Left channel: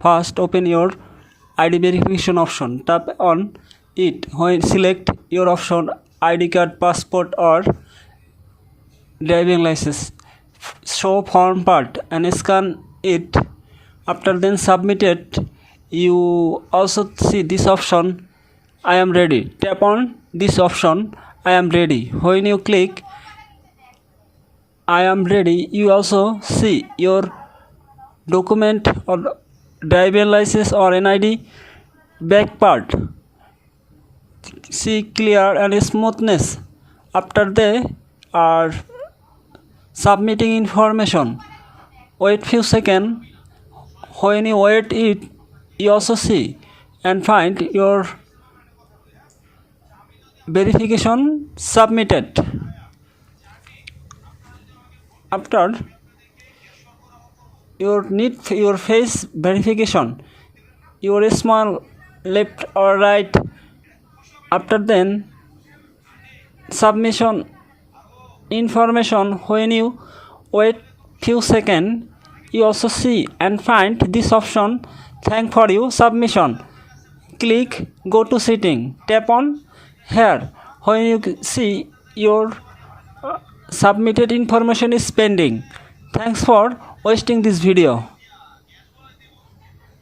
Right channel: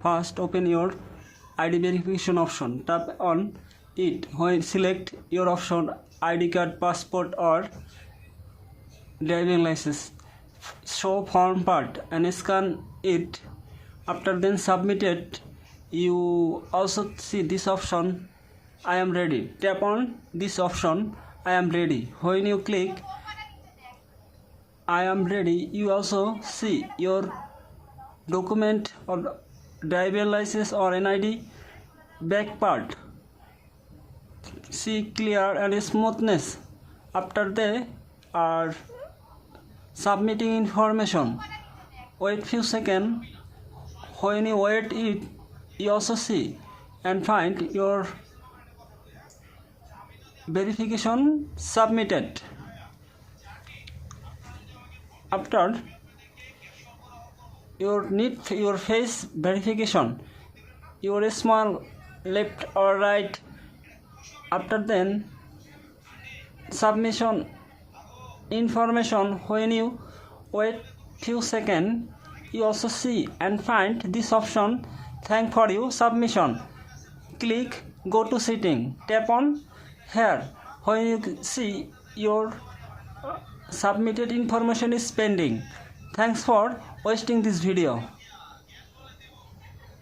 First, open your ID verification option. Tap on it when select your option ID card, passport or driving license. Show form part and scan it. After then submit it, you also see this option, I am ready. Tap on this option, I am ready. When you click I am ready, you also see your document or driving license or NID back part. See clear and smoothness. After they are submitting information, wait few seconds. When you wait it, you also see and find your verification submitted. After your face verification, your small left or right. After then submission information, when you wait few seconds, you also see and find this option, thank for you submission. Click go to setting, tap on here. When you see your submitted information is pending. Thanks for watching this video.